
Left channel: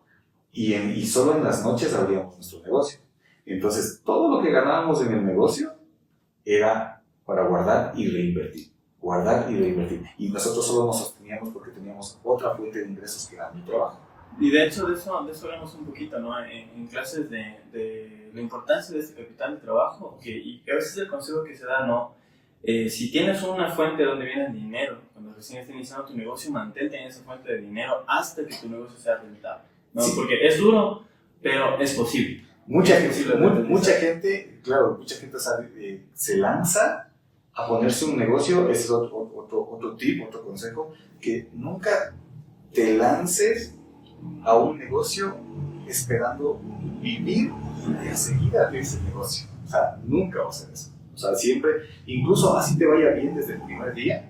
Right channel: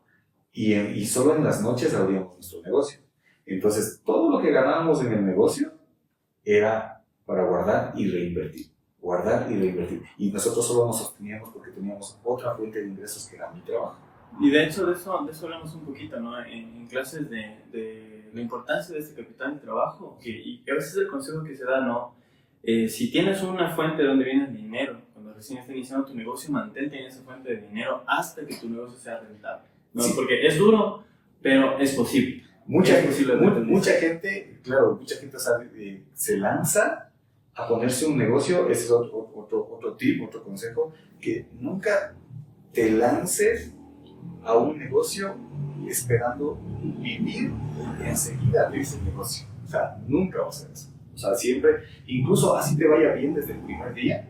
y solo en las noches abríamos nuestro negocio. Entonces, todo lo que ganábamos en el negocio era para guardar y reinvertir. Y nosotros solo nos sosteníamos porque teníamos otra fuente de ingresos que era mi trabajo. Y de hecho, de eso hablamos un poquito, ¿no? En clases de la importancia de este capital de trabajo, y a veces el consejo que se da, ¿no? Si tienes una fuente donde viene el dinero, cuando recién estás iniciando tu negocio, mantente en esa fuente de dinero hasta que tu negocio sea rentable, ¿no? Sí. Porque es duro, pero es posible. Mucha gente, sabe, se lanza a ponerse un negocio. Ese es otro tip, otro consejo, que nunca te lances a un negocio esperando vivir enseguida de ese negocio. O sea, nunca vas a hacer eso. O sea, siempre, incluso así te vaya bien desde el primer día,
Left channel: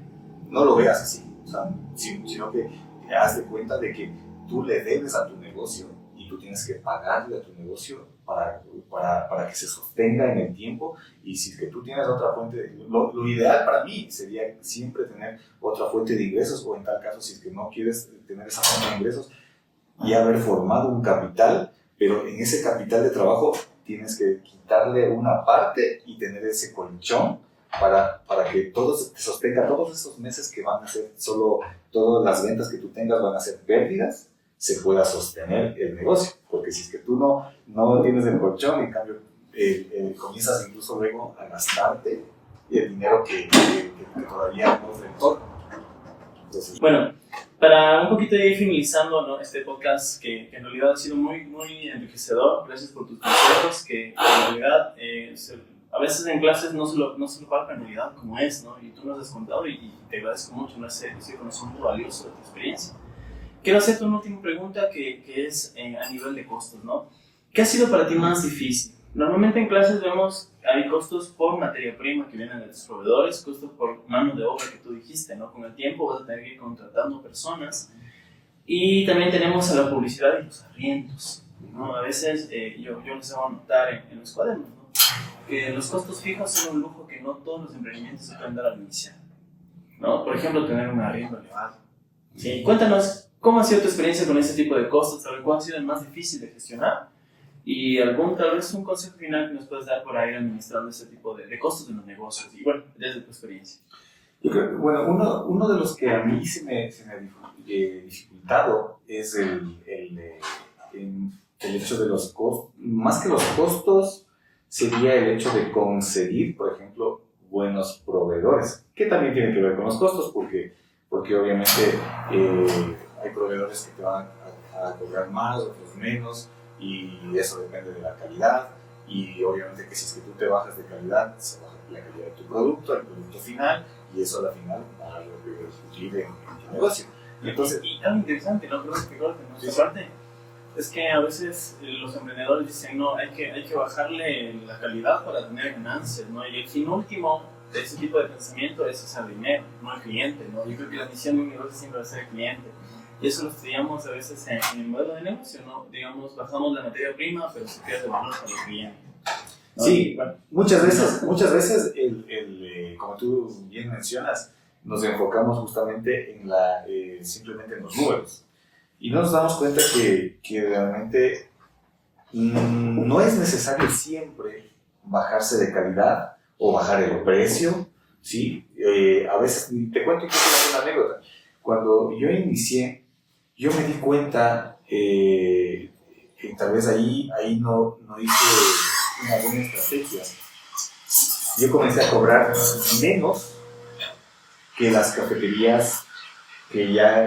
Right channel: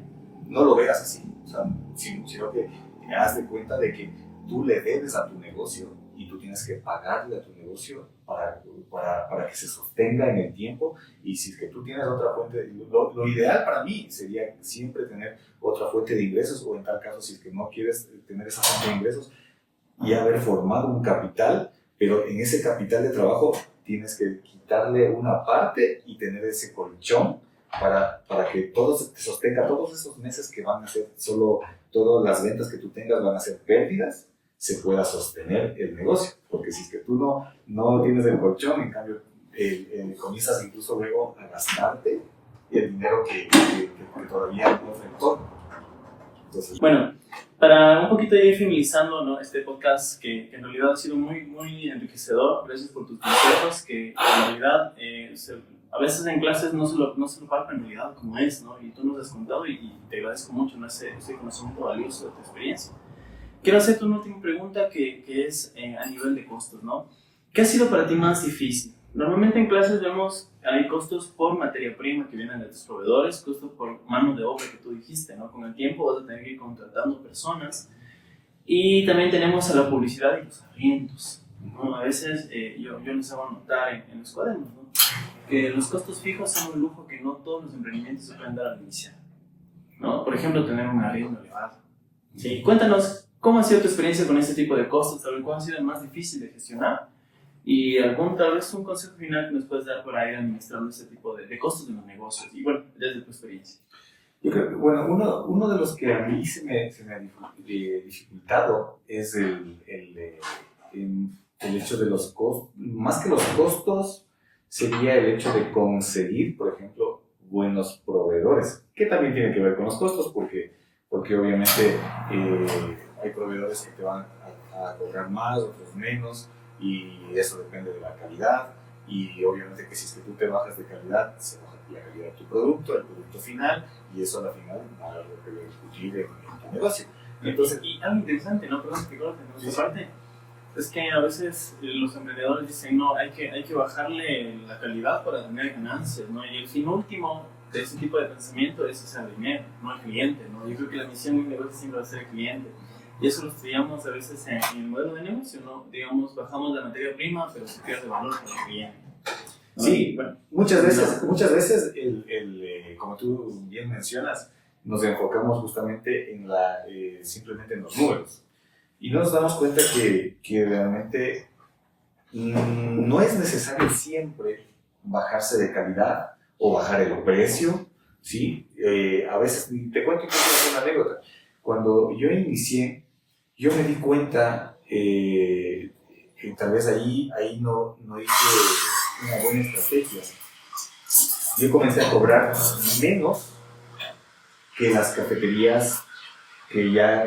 no lo veas así. O sea, sino que te haz de cuenta de que tú le debes a tu negocio y tú tienes que pagarle a tu negocio para que se sostenga en el tiempo. Y si es que tú tienes otra fuente, lo ideal para mí sería siempre tener otra fuente de ingresos, o en tal caso, si es que no quieres tener esa fuente de ingresos, y haber formado un capital, pero en ese capital de trabajo tienes que quitarle una parte y tener ese colchón para que todo te sostenga todos esos meses que van a ser solo, todas las ventas que tú tengas van a ser pérdidas, se pueda sostener el negocio. Porque si es que tú no tienes el colchón, en cambio comienzas incluso luego a gastarte el dinero que todavía no es retorno. Entonces, bueno, para un poquito ir finalizando, ¿no? Este podcast que en realidad ha sido muy, muy enriquecedor. Gracias por tus consejos, que en realidad a veces en clases no se lo palpa en realidad como es, ¿no? Y tú nos has contado y te agradezco mucho, ¿no? ese conocimiento valioso de tu experiencia. Quiero hacerte una última pregunta que es a nivel de costos, ¿no? ¿Qué ha sido para ti más difícil? Normalmente en clases vemos, hay costos por materia prima que vienen de los proveedores, costos por mano de obra que tú dijiste, ¿no? Con el tiempo vas a tener que ir contratando personas, y también tenemos a la publicidad y los arriendos, ¿no? A veces yo les hago notar en los cuadernos, ¿no? Que los costos fijos son un lujo que no todos los emprendimientos se pueden dar al iniciar, ¿no? Por ejemplo, tener un arriendo elevado. Sí, cuéntanos, ¿cómo ha sido tu experiencia con este tipo de costos? ¿Sabes cuál ha sido el más difícil de gestionar? Y tal vez un consejo final que nos puedes dar para ir administrando ese tipo de costos de los negocios, y bueno, desde tu experiencia. Yo creo que, bueno, uno de los que a mí se me ha dificultado es el hecho de los costos. Más que los costos, sería el hecho de conseguir, por ejemplo, buenos proveedores, que también tiene que ver con los costos, porque obviamente hay proveedores que te van a cobrar más, otros menos, y eso depende de la calidad. Y obviamente que si es que tú te bajas de calidad, se baja la calidad de tu producto, el producto final, y eso a la final va a repercutir en tu negocio. Entonces, y algo interesante, ¿no? Perdón que corte, ¿no? Esta parte es que a veces los emprendedores dicen, no, hay que bajarle la calidad para tener ganancias, ¿no? Y el fin último de ese tipo de pensamiento es hacer dinero, no el cliente, ¿no? Yo creo que la misión de un negocio siempre va a ser el cliente. Y eso lo estudiamos a veces en el modelo de negocio, ¿no? Digamos, bajamos la materia prima, pero se pierde valor para el cliente, ¿no? Sí, bueno, muchas veces como tú bien mencionas, nos enfocamos justamente en simplemente en los números. Y no nos damos cuenta que realmente no es necesario siempre bajarse de calidad o bajar el precio, ¿sí? A veces, te cuento una anécdota. Cuando yo inicié, yo me di cuenta que tal vez ahí no hice una buena estrategia. Yo comencé a cobrar menos que las cafeterías que ya,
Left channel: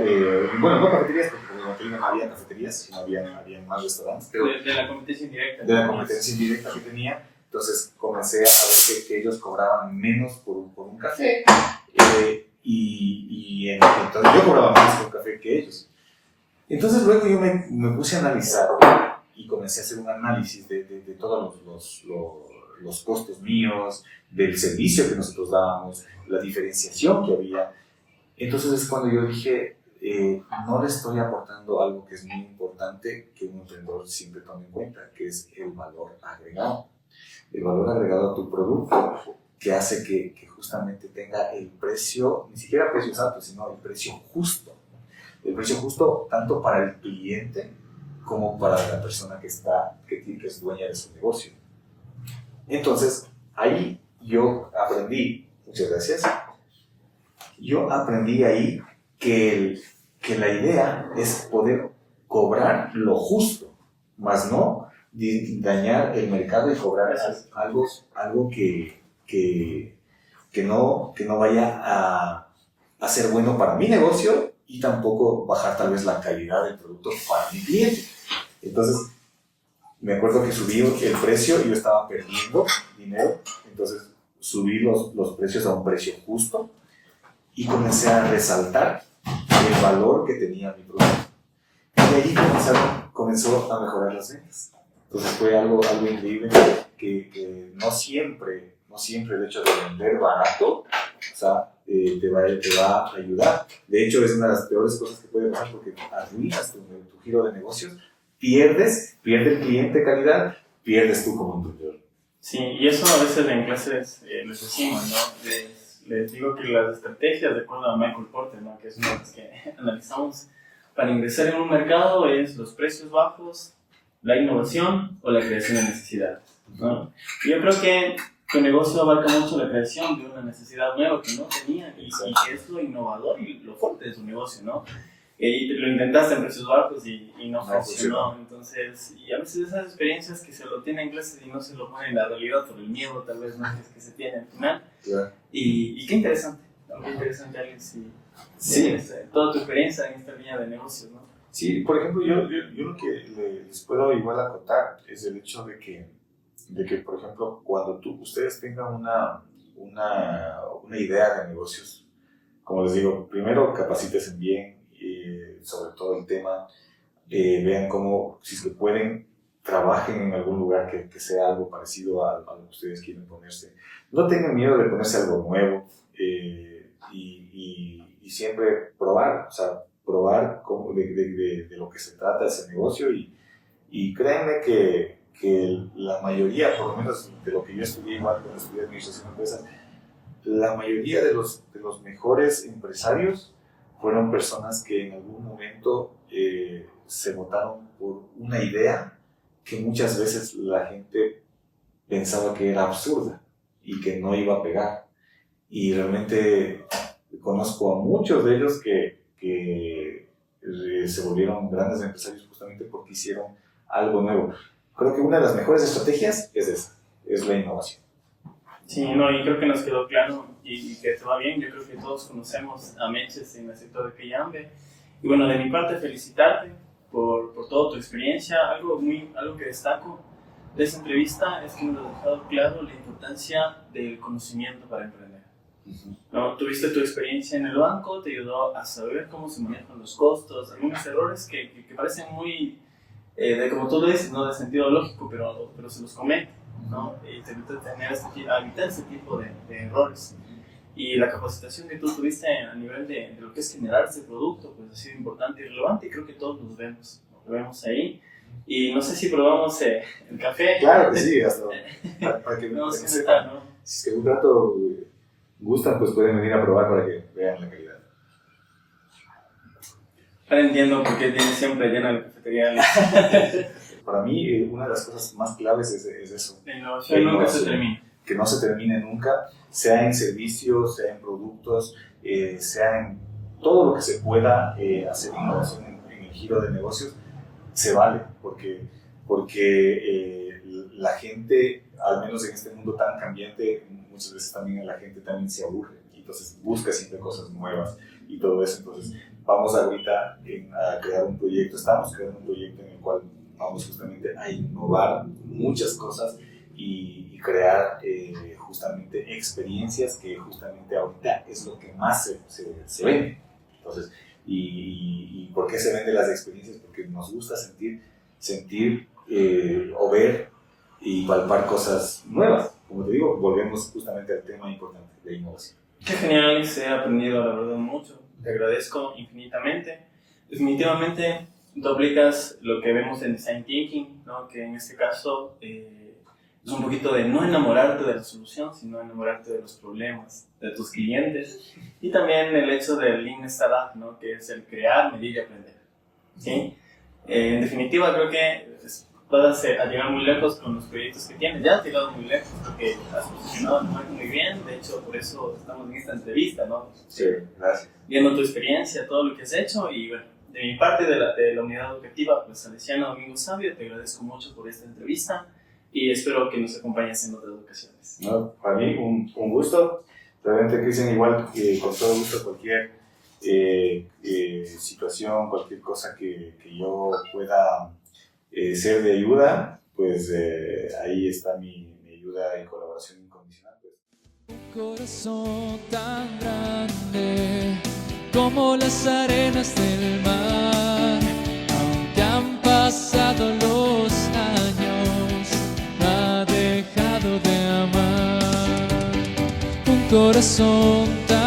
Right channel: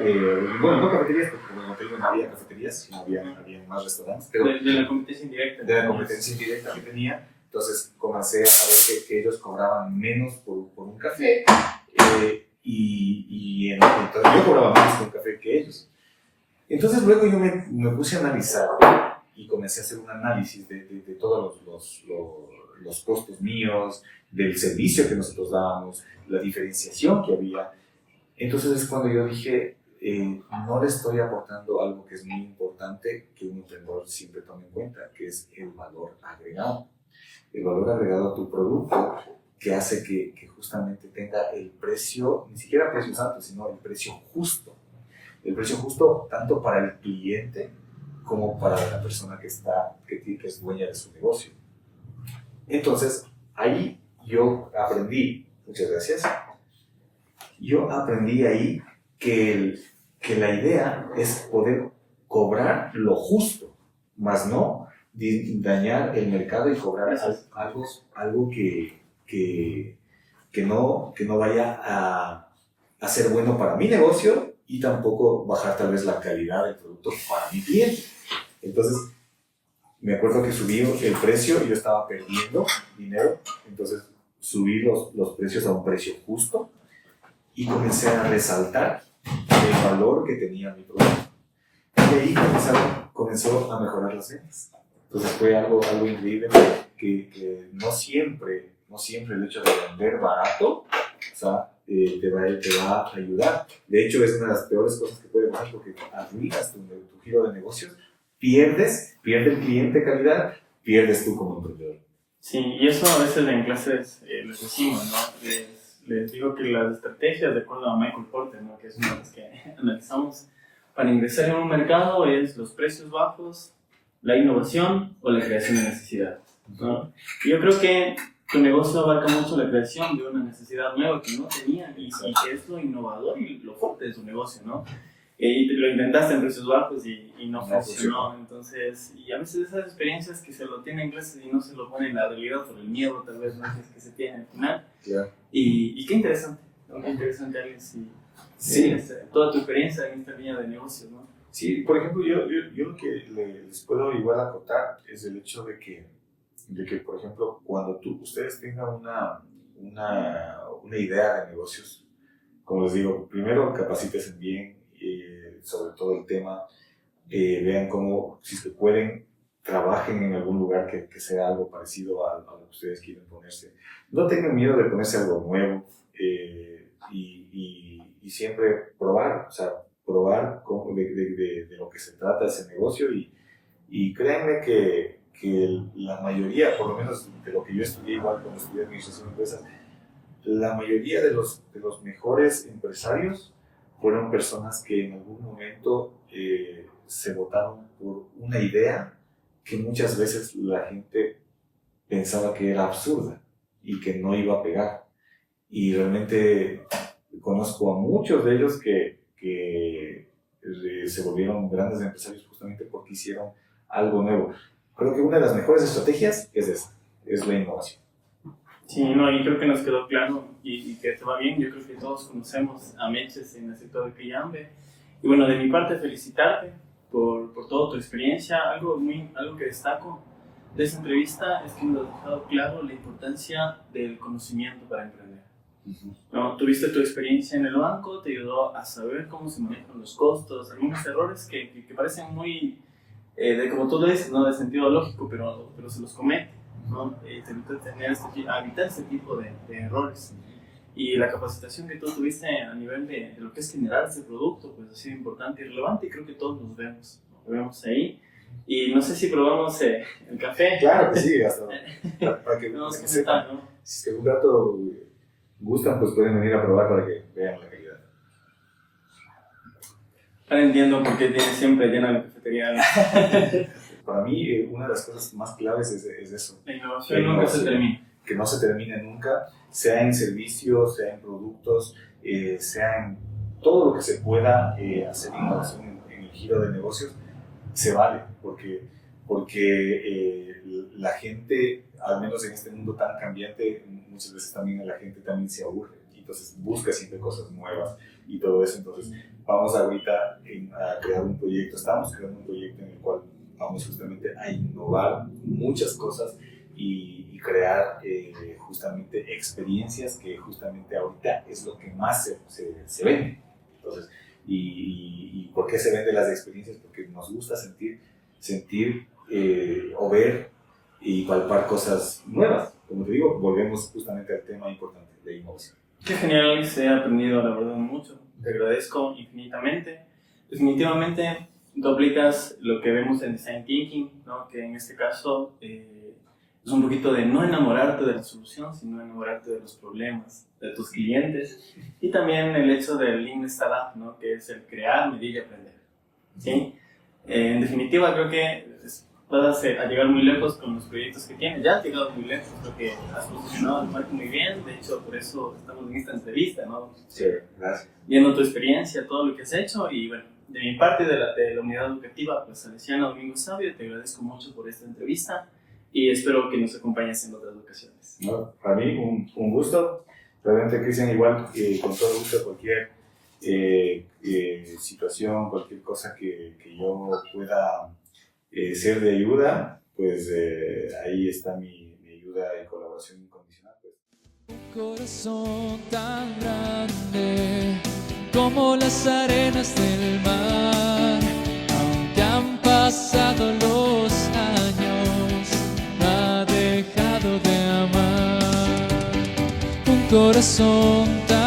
bueno, no cafeterías, porque como te digo, no había cafeterías, sino había más restaurantes. Pero de la competencia indirecta. De la competencia indirecta que tenía. Entonces comencé a ver que ellos cobraban menos por un café, entonces yo cobraba menos por un café que ellos. Entonces luego yo me puse a analizar y comencé a hacer un análisis de todos los costos míos, del servicio que nosotros dábamos, la diferenciación que había. Entonces es cuando yo dije, no le estoy aportando algo que es muy importante que un emprendedor siempre tome en cuenta, que es el valor agregado. El valor agregado a tu producto, que hace que justamente tenga el precio, ni siquiera precios altos, sino el precio justo. El precio justo tanto para el cliente como para la persona que es dueña de su negocio. Entonces, ahí yo aprendí, muchas gracias, yo aprendí ahí que la idea es poder cobrar lo justo, más no dañar el mercado y cobrar algo que no vaya a ser bueno para mi negocio y tampoco bajar tal vez la calidad del producto para mi cliente. Entonces, me acuerdo que subí el precio y yo estaba perdiendo dinero, entonces subí los precios a un precio justo y comencé a resaltar el valor que tenía mi producto. Y ahí comenzó a mejorar las ventas. Entonces fue algo increíble que no siempre el hecho de vender barato, o sea, te va a ayudar. De hecho, es una de las peores cosas que puede pasar porque arruinas tu giro de negocios, pierde el cliente de calidad, pierdes tú como emprendedor. Sí, y eso a veces en clases les decimos, ¿no? Les digo que las estrategias, de acuerdo a Michael Porter, ¿no? Que es una de las que analizamos para ingresar en un mercado, es los precios bajos, la innovación o la creación de necesidades, ¿no? Y yo creo que tu negocio abarca mucho la creación de una necesidad nueva que no tenían y que es lo innovador y lo fuerte de su negocio, ¿no? Y lo intentaste en precios bajos y no funcionó. Entonces, y a veces esas experiencias que se lo tienen en clases y no se lo ponen en la realidad por el miedo tal vez no es que se tiene al final. Yeah. Y qué interesante, Alex, sí. Toda tu experiencia en esta línea de negocios, ¿no? Sí, por ejemplo, yo lo que les puedo igual acotar es el hecho de que por ejemplo, cuando ustedes tengan una idea de negocios, como les digo, primero capacítense bien sobre todo el tema, vean cómo, si se pueden, trabajen en algún lugar que sea algo parecido a lo que ustedes quieren ponerse. No tengan miedo de ponerse algo nuevo y siempre probar, o sea, probar de lo que se trata ese negocio y créanme que la mayoría, por lo menos de lo que yo estudié, igual cuando estudié administración de empresas, la mayoría de los mejores empresarios fueron personas que en algún momento se votaron por una idea que muchas veces la gente pensaba que era absurda y que no iba a pegar. Y realmente conozco a muchos de ellos que se volvieron grandes empresarios justamente porque hicieron algo nuevo. Creo que una de las mejores estrategias es esa, es la innovación. Sí, no, y creo que nos quedó claro y que te va bien. Yo creo que todos conocemos a Meches en el sector de Cayambe. Y bueno, de mi parte, felicitarte por toda tu experiencia. Algo que destaco de esta entrevista es que nos has dejado claro la importancia del conocimiento para emprender. ¿No? Tuviste tu experiencia en el banco, te ayudó a saber cómo se manejan los costos, algunos errores que parecen muy, como tú lo dices, ¿no? De sentido lógico, pero se los comete, ¿no? Y te evita evitar ese tipo de errores. Y la capacitación que tú tuviste a nivel de lo que es generar ese producto, pues ha sido importante y relevante, y creo que todos nos vemos ahí. Y no sé si probamos el café. Claro que sí, hasta para que no, sepan, sepan, ¿no? Si es que un rato gustan, pues pueden venir a probar para que vean la calidad. Ahora entiendo por qué tiene siempre llena la cafetería. Para mí, una de las cosas más claves es eso. La innovación nunca se termina. Que no se termine nunca, sea en servicios, sea en productos, sea en todo lo que se pueda hacer innovación en el giro de negocios, se vale, porque la gente, al menos en este mundo tan cambiante, muchas veces también la gente también se aburre, y entonces busca siempre cosas nuevas y todo eso. Entonces vamos ahorita a crear un proyecto, estamos creando un proyecto en el cual vamos justamente a innovar muchas cosas y crear justamente experiencias que justamente ahorita es lo que más se vende. Entonces, ¿y por qué se venden las experiencias? Porque nos gusta sentir o ver y palpar cosas nuevas. Como te digo, volvemos justamente al tema importante de innovación. Qué genial, Alex, he aprendido la verdad mucho. Te agradezco infinitamente. Definitivamente tú aplicas lo que vemos en Design Thinking, ¿no? Que en este caso es un poquito de no enamorarte de la solución, sino enamorarte de los problemas de tus clientes. Y también el hecho del Lean Startup, ¿no? Que es el crear, medir y aprender. ¿Sí? En definitiva, creo que vas a llegar muy lejos con los proyectos que tienes. Ya has llegado muy lejos, creo que has posicionado el marco muy bien. De hecho, por eso estamos en esta entrevista, ¿no? Sí, gracias. Viendo tu experiencia, todo lo que has hecho. Y bueno, de mi parte, de la unidad educativa, pues Salesiano Domingo Sabio, te agradezco mucho por esta entrevista y espero que nos acompañes en otras ocasiones. No, para mí un gusto. Realmente, Cristian, igual con todo gusto cualquier situación, cualquier cosa que yo pueda ser de ayuda, pues ahí está mi ayuda y colaboración incondicional. Pues. Un corazón tan grande como las arenas del mar, aunque han pasado los años, no ha dejado de amar. Un corazón tan